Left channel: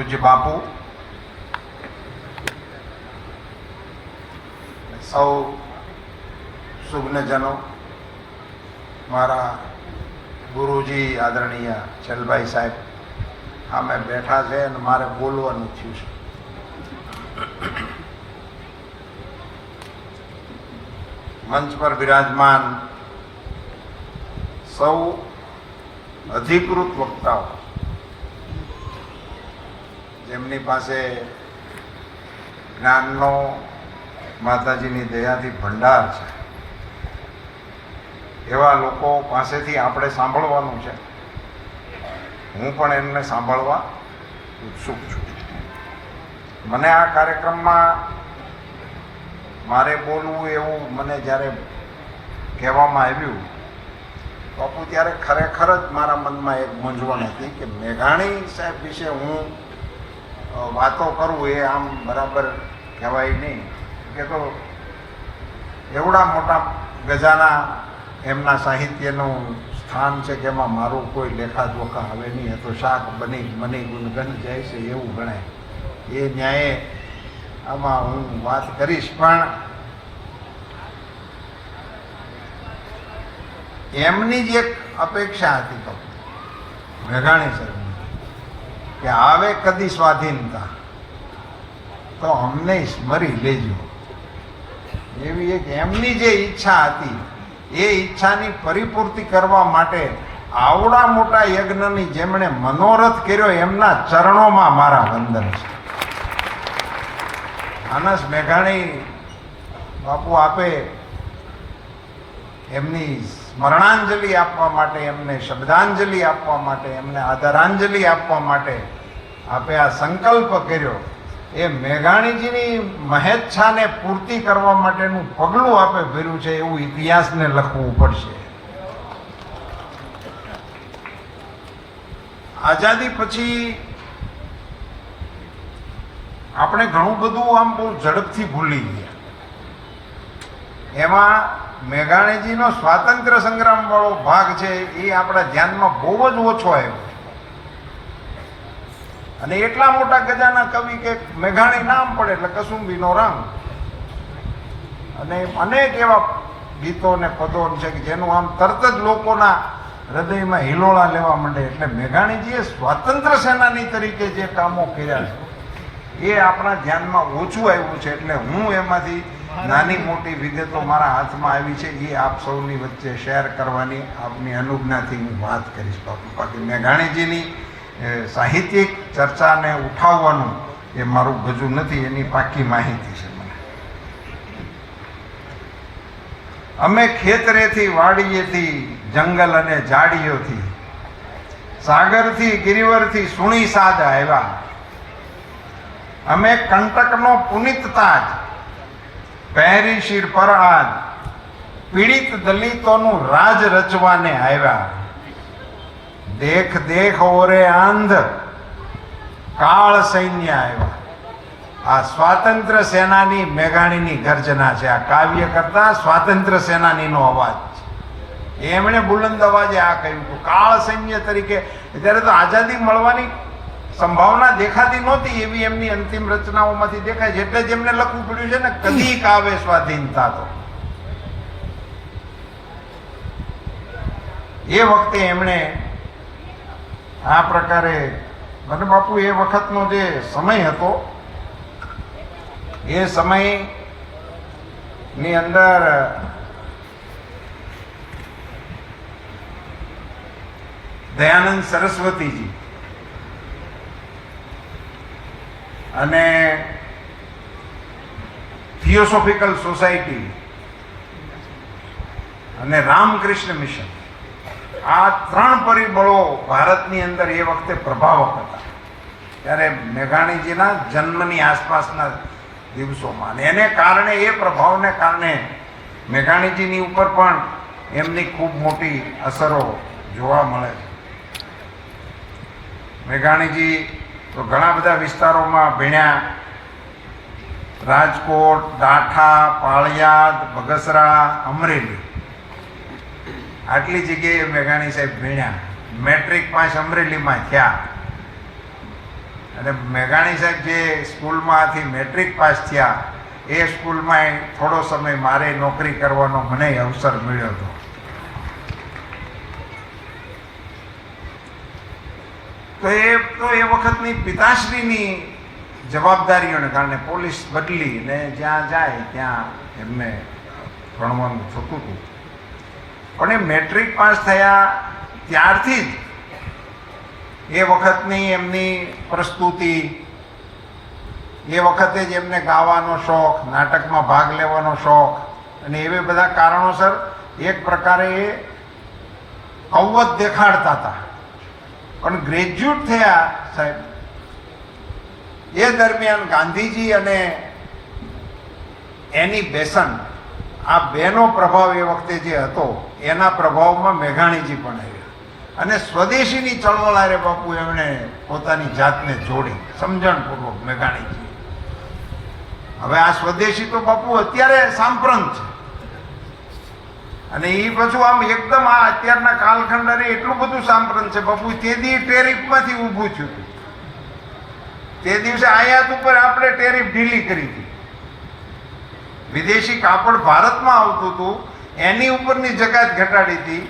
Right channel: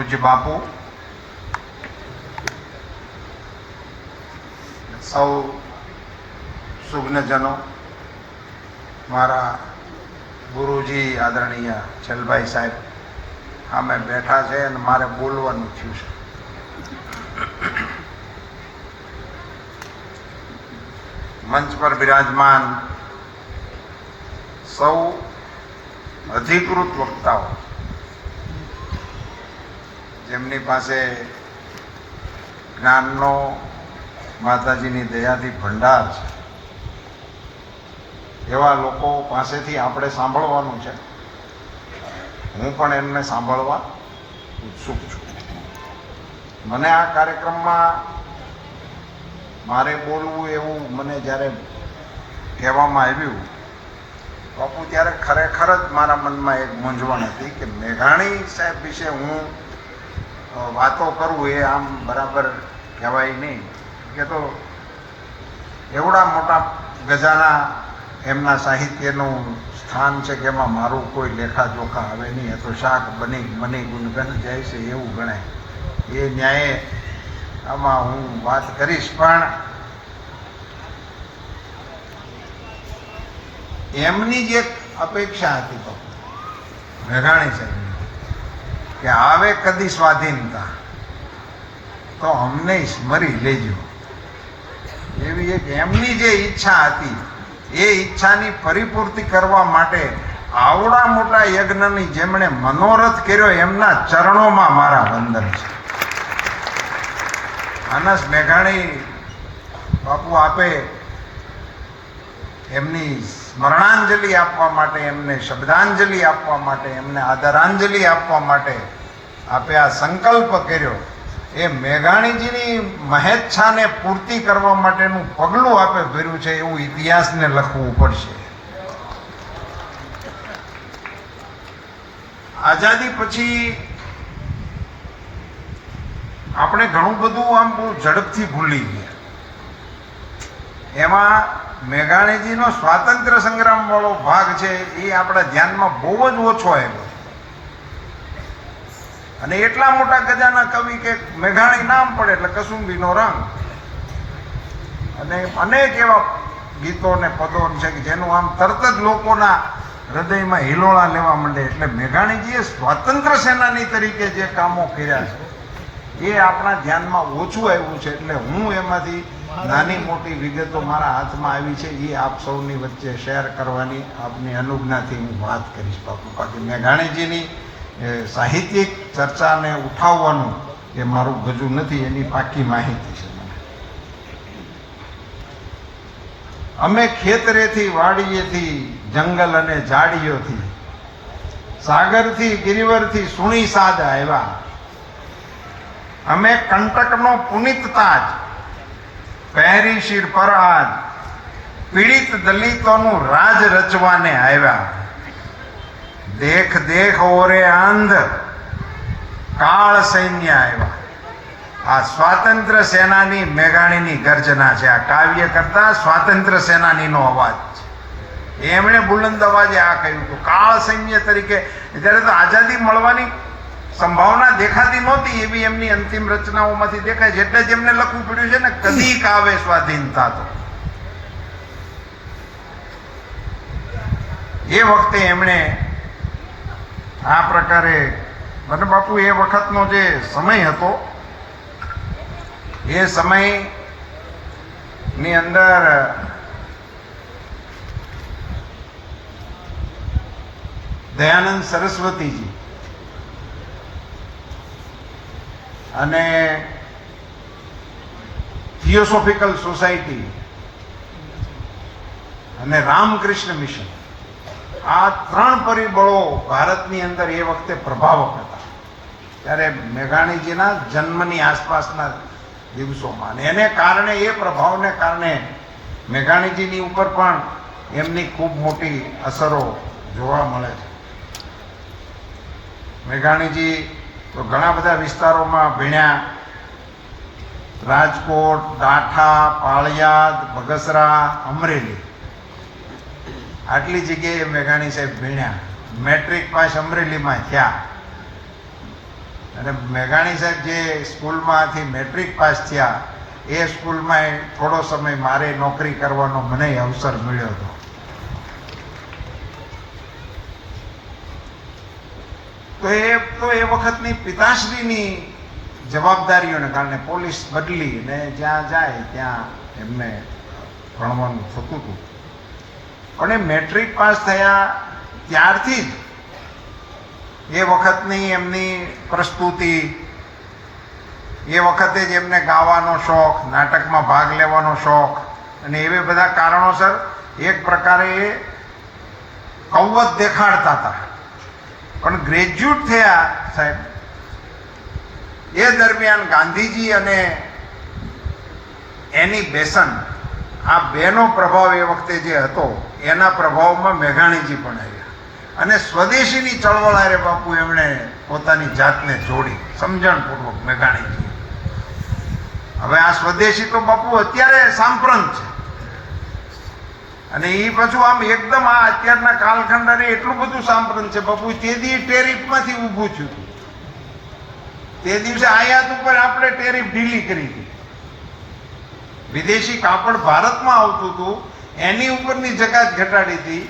પૂજ્ય બાપુ, સૌ સુજ્ઞજનો, મારા ગુરુજી આદરણીય ચલભાઈ સાહેબ સામે બેઠા છે અને મારે બોલવાનું થયું છે. મંચ પર બિરાજમાન સૌ અધિકૃત વક્તાઓ, જેમની પાસે જ્ઞાનનો માતાજીની દયાથી ભંડાર છે, એવા લોકો પાસેથી આપણે સાંભળવાનું છે. હું પણ એમને સાંભળવા ઉત્સુક છું. મને આ કાર્યક્રમમાં મારે બોલવું એવું મને જ્યારે કહેવામાં આવ્યું બાપુ, ત્યારે ખરેખર જ મારા મનમાં એક મૂંઝવણ હતી કે મેઘાણી સાહેબ વિશે હું વાતો કરું એ આમ બરાબર કહેવાય નહીં. કે તો એવડા મોટા ગજાના એમના સાહિત્યનું સ્થાન છે કે એમાં મારું કોઈ લેખાજોખા આવે નહીં. એ તો શાક બની ગુણગન જાય છે એવું ગણાય. એ ન્યાયે આમાં હું વાત કરીશ, પણ એમની જે અપેક્ષા હતી તો મેઘાણી સાહેબની કે આવે કદી સ્વાધીનતા તો અમને સ્મરી લેજો, એવી એક એમની જે ઈચ્છા હતી એ ઈચ્છાની પરિપૂર્તિ કરવા માટે આવડા મોટા યજ્ઞની જેમણે મનોરથ કર્યો એમના ચરણોમાં મારા વંદન છે. માનસ મેઘાણી બાપુ આપે એમની સ્મરણાંજલિ આપવા માટે, એમને શબ્દાંજલિ આપવા માટે, એમને આદરાંજલિ આપવા માટે આપે આ સંકલ્પ કર્યો. એ મેઘાણીજીની મહેચ્છાને પૂર્તિ કરવા માટેનું પગલું આપે ભર્યું છે એવું ઇતિહાસને લખવું પડશે. આઝાદી પછી આપણે ઘણું બધું આમ બહુ ઝડપથી ભૂલી ગયા. એમાં મેઘાણીજીનો સ્વાતંત્ર્ય સંગ્રામ વાળો ભાગ છે એ આપણા ધ્યાનમાં બહુ જ ઓછો આવ્યો. અને એટલા મોટા ગજાના કવિ કે મેઘાણી નામ પડે એટલે કસુંબીનો રંગ, અને અનેક એવા ગીતો ને પદો છે કે જેનું આમ તરત જ લોકોના હૃદયમાં હિલોળા લેવા માંડે. એટલે મેઘાણીજીએ સ્વાતંત્ર્ય સેનાની તરીકે જે કામો કર્યા છે એ આપણા ધ્યાનમાં ઓછું આવ્યું છે. એટલે હું એમાંથી નાની મોટી વિગતો મારા હાથમાં આવી છે એ આપ સૌની વચ્ચે શેર કરવાની આપની અનુજ્ઞાથી હું વાત કરીશ બાપુ. બાકી મેઘાણીજીની સાહિત્યિક ચર્ચાને ઉઠાવવાનું એ મારું ગજું નથી, એની પાકી માહિતી છે મને. અમે ખેતરેથી વાડીએથી જંગલ અને ઝાડીઓથી સાગરથી ગિરિવરથી સુણી સાદ આવ્યા. અમે કંટકનો પુનિત તાજ પહેરી શિર પર આજ પીડિત દલિતોનું રાજ રચવાને આવ્યા. દેખ દેખ ઓરે આંધ કાળ સૈન્ય આવ્યા. આ સ્વાતંત્ર્ય સેનાની મેઘાણીની ગર્જના છે. આ કાવ્ય કરતા સ્વાતંત્ર્ય સેનાનીનો અવાજ છે. એમણે બુલંદ અવાજે આ કહ્યું હતું કાળ સૈન્ય તરીકે. ત્યારે તો આઝાદી મળવાની સંભાવના દેખાતી નહોતી એવી એમની અંતિમ રચનાઓમાંથી દેખાય છે. એટલે જ એમને લખવું પડ્યું છે ને કદીક આવે સ્વાધીનતા. તો એ વખતે એમણે આ પ્રકારે, મને બાપુ એ વખતનો જે સમય હતો એ સમયની અંદર દયાનંદ સરસ્વતીજી અને થિયોસોફિકલ સોસાયટી અને રામકૃષ્ણ મિશન, આ ત્રણ પરિબળો ભારતની અંદર એ વખતે પ્રભાવક હતા. ત્યારે મેઘાણીજીના જન્મની આસપાસના દિવસોમાં, અને એને કારણે, એ પ્રભાવને કારણે મેઘાણીજીની ઉપર પણ એમની ખૂબ મોટી અસરો જોવા મળે છે. મેઘાણીજી તો ઘણા બધા વિસ્તારોમાં ભણ્યા. રાજકોટ, ડાઠા, પાળિયાદ, બગસરા, અમરેલી, આટલી જગ્યાએ મેઘાણી સાહેબ ભણ્યા. મેટ્રિક પાસ અમરેલીમાં થયા અને મેઘાણી સાહેબ જે સ્કૂલમાંથી મેટ્રિક પાસ થયા એ સ્કૂલમાં થોડો સમય મારે નોકરી કરવાનો મને અવસર મળ્યો હતો. તો એ વખતની પિતાશ્રીની જવાબદારીઓને કારણે પોલીસ બદલી ને જ્યાં જાય ત્યાં એમને ભણવાનું થતું હતું. પણ એ મેટ્રિક પાસ થયા ત્યારથી જ એ વખતની એમની પ્રસ્તુતિ, એ વખતે જ એમને ગાવાનો શોખ, નાટકમાં ભાગ લેવાનો શોખ અને એવા બધા કારણોસર એક પ્રકારે એ કૌવત દેખાડતા હતા. પણ ગ્રેજ્યુએટ થયા સાહેબ એ દરમિયાન ગાંધીજી અને એની બેસન્ટ આ બેનો પ્રભાવ એ વખતે જે હતો એના પ્રભાવમાં મેઘાણીજી પણ આવ્યા અને સ્વદેશીની ચળવળ આરે બાપુ એમણે પોતાની જાતને જોડી સમજણપૂર્વક મેઘાણીજી. હવે આ સ્વદેશી તો બાપુ અત્યારે સાંપ્રત છે અને એ પાછું આમ એકદમ આ અત્યારના કાલખંડ અને એટલું બધું સાંપ્રત છે બાપુ. તે દી ટેરિફમાંથી ઊભું થયું હતું. તે દિવસે આયાત ઉપર આપણે ટેરિફ ઢીલી કરી હતી. વિદેશી કાપડ ભારતમાં આવતું હતું એની ઉપરની જકાત ઘટાડી હતી.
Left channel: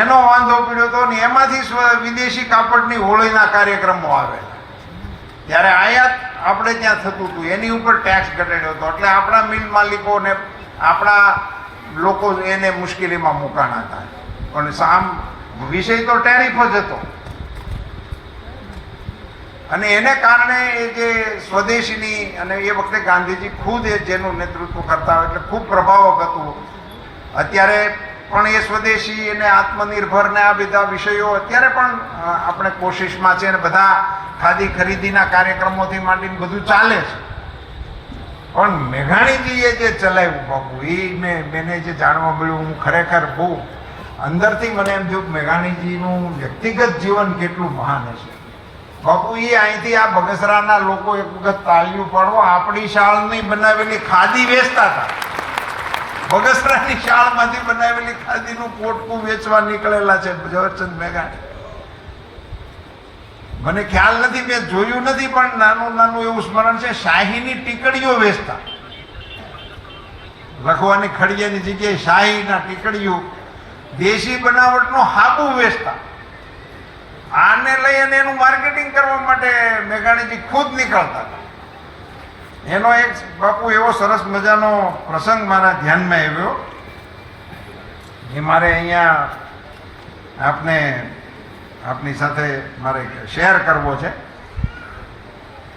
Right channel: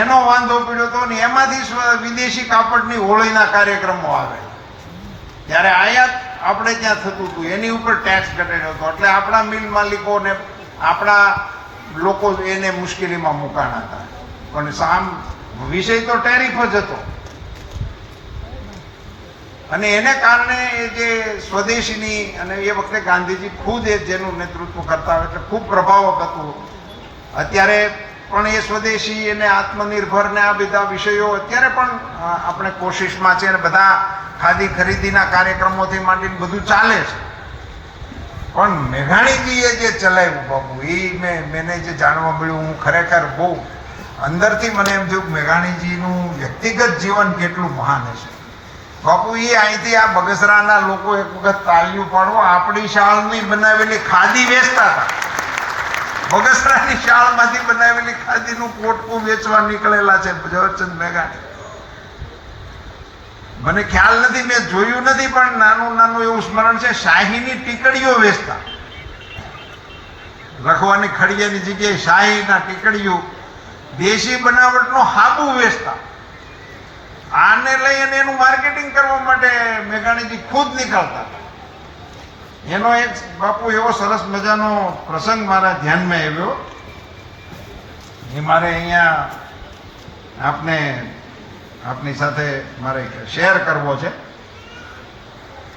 એનો વાંધો પડ્યો હતો ને એમાંથી વિદેશી કાપડની હોળીના કાર્યક્રમો આવે ત્યારે આયાત આપણે ત્યાં થતું હતું એની ઉપર ટેક્સ ઘટાડ્યો હતો. એટલે આપણા મિલ માલિકોને આપણા લોકો એને મુશ્કેલીમાં મુકાણા હતા. પણ સામ વિષય તો ટેરિફ જ હતો અને એને કારણે એ જે સ્વદેશીની અને એ વખતે ગાંધીજી ખુદ એ જેનું નેતૃત્વ કરતા એટલે ખૂબ પ્રભાવક હતું. અત્યારે પણ એ સ્વદેશી અને આત્મનિર્ભર ને આ બધા વિષયો અત્યારે પણ આપણે કોશિશમાં છે અને બધા ખાદી ખરીદીના કાર્યક્રમોથી માંડીને બધું ચાલે છે. પણ મેઘાણીજીએ જે ચલાવ્યું બાપુ એ મને જે જાણવા મળ્યું, હું ખરેખર બહુ અંદરથી મને એમ થયું મેઘાણીજીનું વ્યક્તિગત જીવન કેટલું મહાન હશે બાપુ. એ અહીંથી આ બગસરાના લોકો એક વખત તાળીઓ પાડવો, આપણી શાળની બનાવેલી ખાદી વેચતા હતા. બગસરાની શાળમાંથી બનાવેલી ખાદીનું પોટકું વેચવા નીકળેલા છે ઝવેરચંદ મેઘાણી. મને ખ્યાલ નથી, મેં જોયું નથી, પણ નાનું નાનું એવું સ્મરણ છે. શાહીની ટીકડીઓ વેચતા, લખવાની ખડિયાની જગ્યાએ શાહીના ટીકડીઓ, દેશી બનાવટનું હાબુ વેચતા. આને લઈ અને એનું માર્કેટિંગ કરવા માટે મેઘાણીજી ખુદ નીકળતા. એનો એક બાપુ એવો સરસ મજાનો પ્રસંગ મારા ધ્યાનમાં આવ્યો એ મારે અહીંયા આપની સાથે મારે શેર કરવો છે.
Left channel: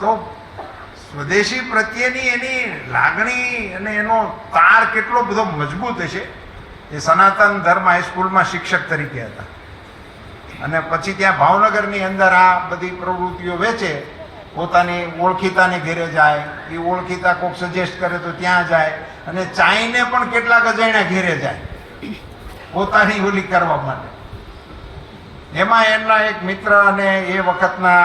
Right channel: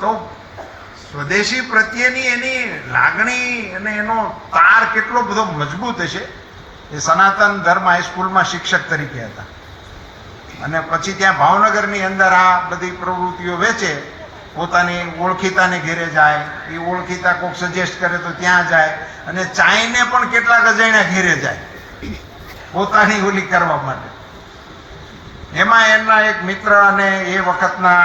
તો સ્વદેશી પ્રત્યેની એની લાગણી અને એનો તાર કેટલો બધો મજબૂત હશે. એ સનાતન ધર્મ હાઈસ્કૂલમાં શિક્ષક તરીકે હતા અને પછી ત્યાં ભાવનગરની અંદર આ બધી પ્રવૃત્તિઓ વેચે. પોતાની ઓળખીતાને ઘેરે જાય, એ ઓળખીતા કોઈક સજેસ્ટ કરે તો ત્યાં જાય અને ચાઈને પણ કેટલાક અજાણ્યા ઘેરે જાય પોતાની ઓલી કરવા માટે. એમાં એમના એક મિત્ર અને એ વખતના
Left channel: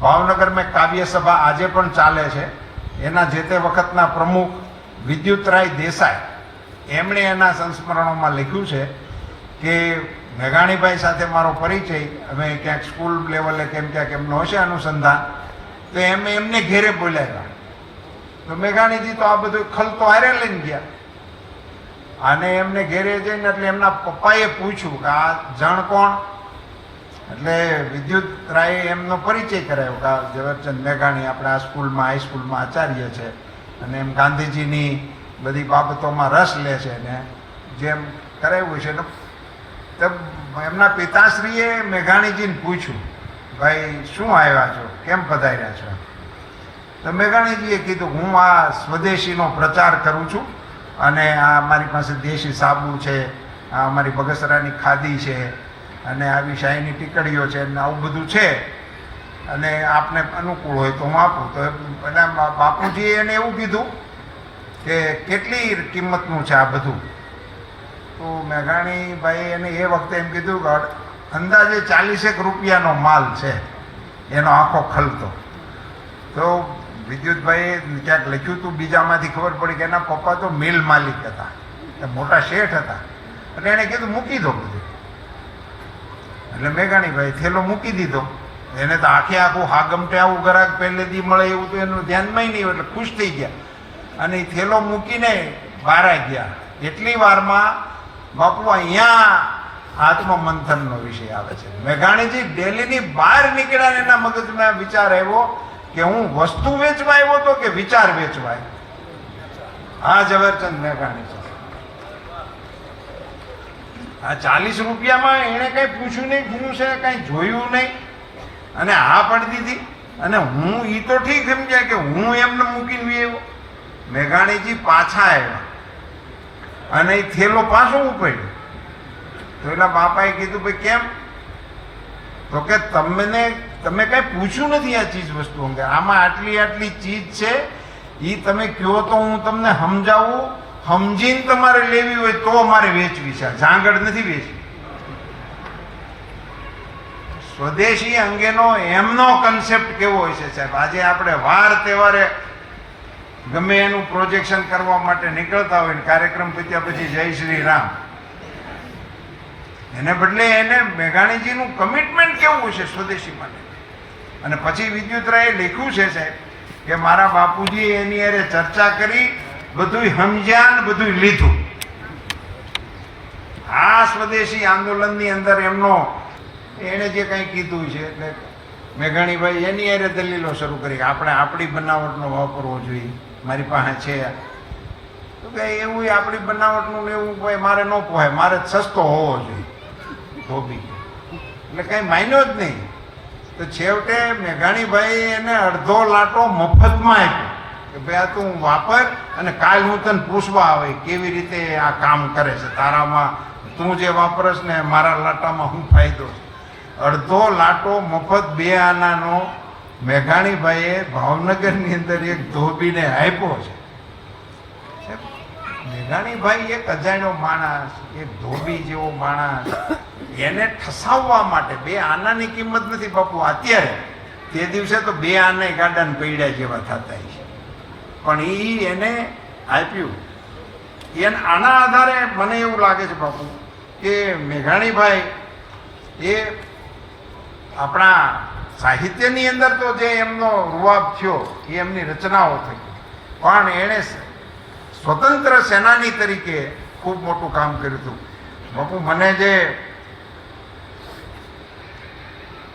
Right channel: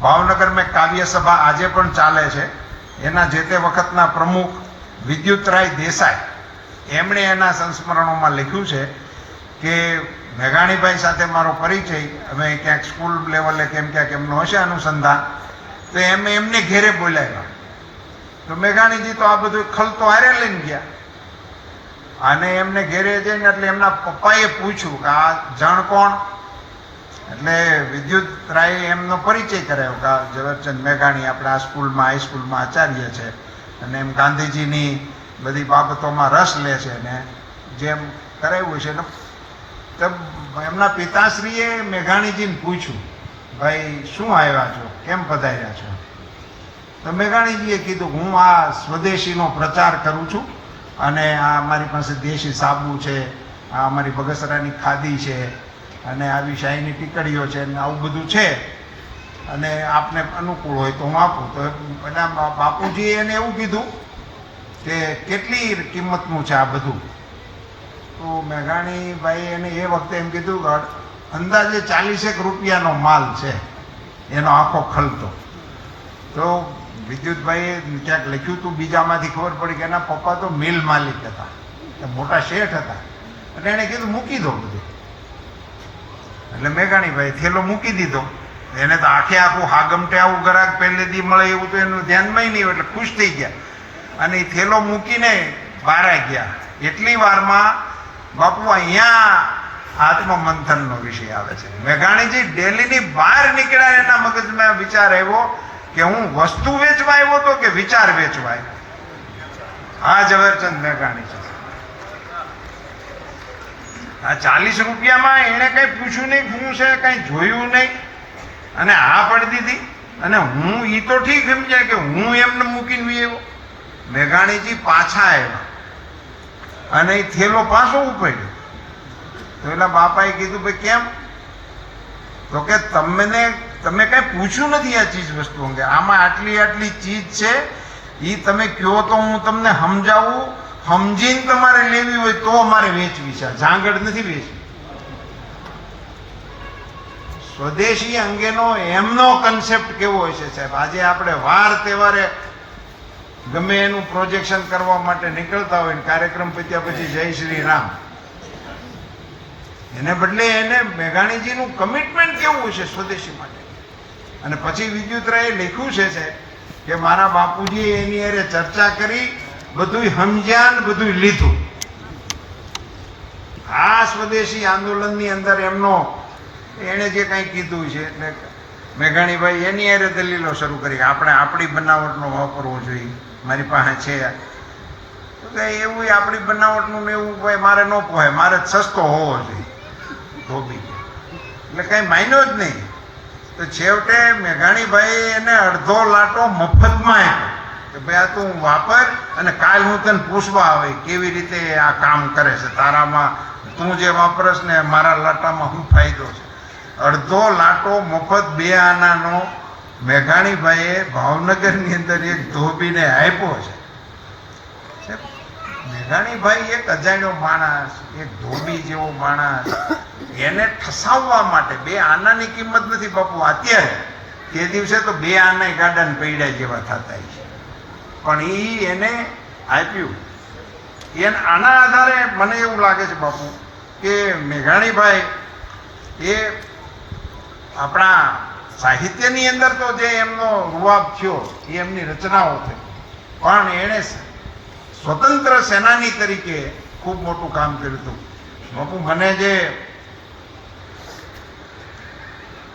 ભાવનગરમાં કાવ્ય સભા આજે પણ ચાલે છે એના જે તે વખતના પ્રમુખ વિદ્યુતરાય દેસાઈ, એમણે એના સંસ્મરણોમાં લખ્યું છે કે મેઘાણીભાઈ સાથે મારો પરિચય, અમે ક્યાંક સ્કૂલ લેવલે કેમ ક્યાંક એમનો હશે અનુસંધાન, તો એમને ઘેરે બોલાવ્યા. તો મેઘાણીજી તો આ બધું ખલતો હારે લઈને ગયા અને એમને ઘેરે જઈને એટલે એમના પપ્પાએ પૂછ્યું કે આ જણ કોણ? એટલે વિદ્યુત રાય એમનો પરિચય કરાયો કે આ ઝવેરચંદ મેઘાણી આપણા આ સ્કૂલમાં હાઈસ્કૂલમાં આચાર્ય છે અને એમ ગાંધીજીની બધી બાબતોમાં રસ લે છે ને જેમ કરાવ્યું છે. તો એમના પિતાશ્રીએ મેઘાણીજીને પૂછ્યું, ભાઈ શું આવ્યા છો, કેમ પધાર્યા છો? તો મેઘાણીજીએ કીધું, હું આ સ્વદેશીનો પ્રચાર કરું છું અને આ અમારી પાસે દેશી સાબુ છે, આ અમારી બગસરાની ખાદી છે અને આવી શાહીની ટીકડીઓ છે અને આવું બધું છે અને આપને અનુકૂળ હોય તો હું આપું. તો બધા બાપુજીએ એને એવું કીધું કે કેટલી કિંમતનું છે આ બધું? તો મેઘાણીભાઈ એને એ વખતે એમ કીધું કે અંદાજે 40 રૂપિયાનો માલ છે એનો આખો ખલતો. તો વિદ્યુતભાઈએ ક્યાંક લખ્યું હતું, બીજામાંથી ખબર પડી કે એના પપ્પા તો મિલ માલિક હતા, મોટા શેઠ હતા. એટલે એણે કીધું મૂકી દો બધું. એટલે મેઘાણીભાઈ થેલો મૂકી દીધો એને તો આખે આખું હાગમટે આવું ગ્રાહક પહેલેથી મળે એવું તો એનું ધ્યાનમાં નહીં, એટલે ખુશ થઈ ગયા અને એ થેલો મૂકીને બહાર ગયા. એટલી વારમાં બાપુ અહીંયા આત્મમંથનનો વિષય આવે છે. મેઘાણીજી ડેલીની બહાર નીકળ્યા, એના મગજમાં વિચાર આવ્યો કે હું વસ્તુ વેચવા આવ્યો તો કે વિચાર વેચવા આવ્યો. હા, ઝવેરચંદ મેઘાણી છે. આ 40 રૂપિયામાં એને કઈ પૂછ્યું નહીં, શું છે કઈ જોયું નહીં અને હા પડી દીધી. અને હું ઈ તો ઠીક સમજ્યા કે હું એમને મૂકીને આવ્યો. મેઘાણીજી પાછા આવ્યા અને એ થેલો પાછો ઉપાડ્યો. તો એલા બાપાએ કીધું ભાઈ કેમ? તો કે તમે કઈ પૂછ્યું નથી આ ચીજ વસ્તુ અંગે. આમાં આટલી આટલી ચીજ છે, એ તમે કહો તો હું તમને સમજાવું, સમજીને તમારે લેવી હોય તો મારે વેચવી છે, ઝાંગડ નથી વેચવી. સ્વદેશી અંગેનો એમનો કન્સેપ્ટ કેવો હોય છે સાહેબ. આજે આપણે વાર તહેવારે ગમે એનું પ્રોજેક્શન કરવા માટે નીકળતા હોય ને કાર્યક્રમ પત્યા પછી જય શ્રી રામ, એને બદલે એને મેઘાણીજીનું કમિટમેન્ટ કેવું છે સ્વદેશી માટે. અને પછી વિદ્યુતરાયે લખ્યું છે સાહેબ કે મારા બાપુજી એની હારે ચર્ચા કરી, બધું સમજ્યા ને બધું લીધું. આ સ્વદેશી આંદોલનની અંદર એમનો એણે જે કંઈ કીધું છે એટલે મેઘાણીભાઈ એની હારે દલીલો શરૂ કરી કે આપણે આપણી બનાવટનો વાપરવો જોઈએ. મારી પાસે છે તો કે એવું આપણી બનાવટનું ને એવું ભાઈ મારે ન પોહાય, મારે સસ્તો હોવો જોઈએ ધોબી. એટલે કંઈ માન્યો જ નહીં. તો છેવટે મેઘાણીભાઈ એને અડધો લાટો મફતમાં આપ્યો કે ભાઈ આ તું વાપર અને કાલ હું તને પૂછવા આવે કેવી રીતે આ કામ કરે છે, તારામાં તું જે વાપરસ ને મારા લાટામાં શું ફાયદો છે. અડધો લાટો મફત 2 આનાનો મેઘાણીભાઈએ ભાવનગરની અંદર એક ધોબીને આપ્યો છે. મેઘાણીભાઈ એક અજાણ્યો માણસ, એક ધોબી જેવો માણસ, એને ઠસાવવા માટે 2 આનાની કિંમત નથી બાપુ અત્યારે, તે દિવસે તો 2 આના ગાડાને પૈડા જેવા થતા છે, પણ એને આપ્યું. આના આધારે મને એવું લાગે છે બાપુ કે મેઘાણીભાઈ એ આપણા સાહિત્યની અંદર તો જે એમનો રૂઆબ થયો એ એમની રચનાઓ થઈ, પણ એણે સ્વતંત્ર સેનાની તરીકે ખૂબ મોટું કામ કર્યું હતું. બાપુ મને જે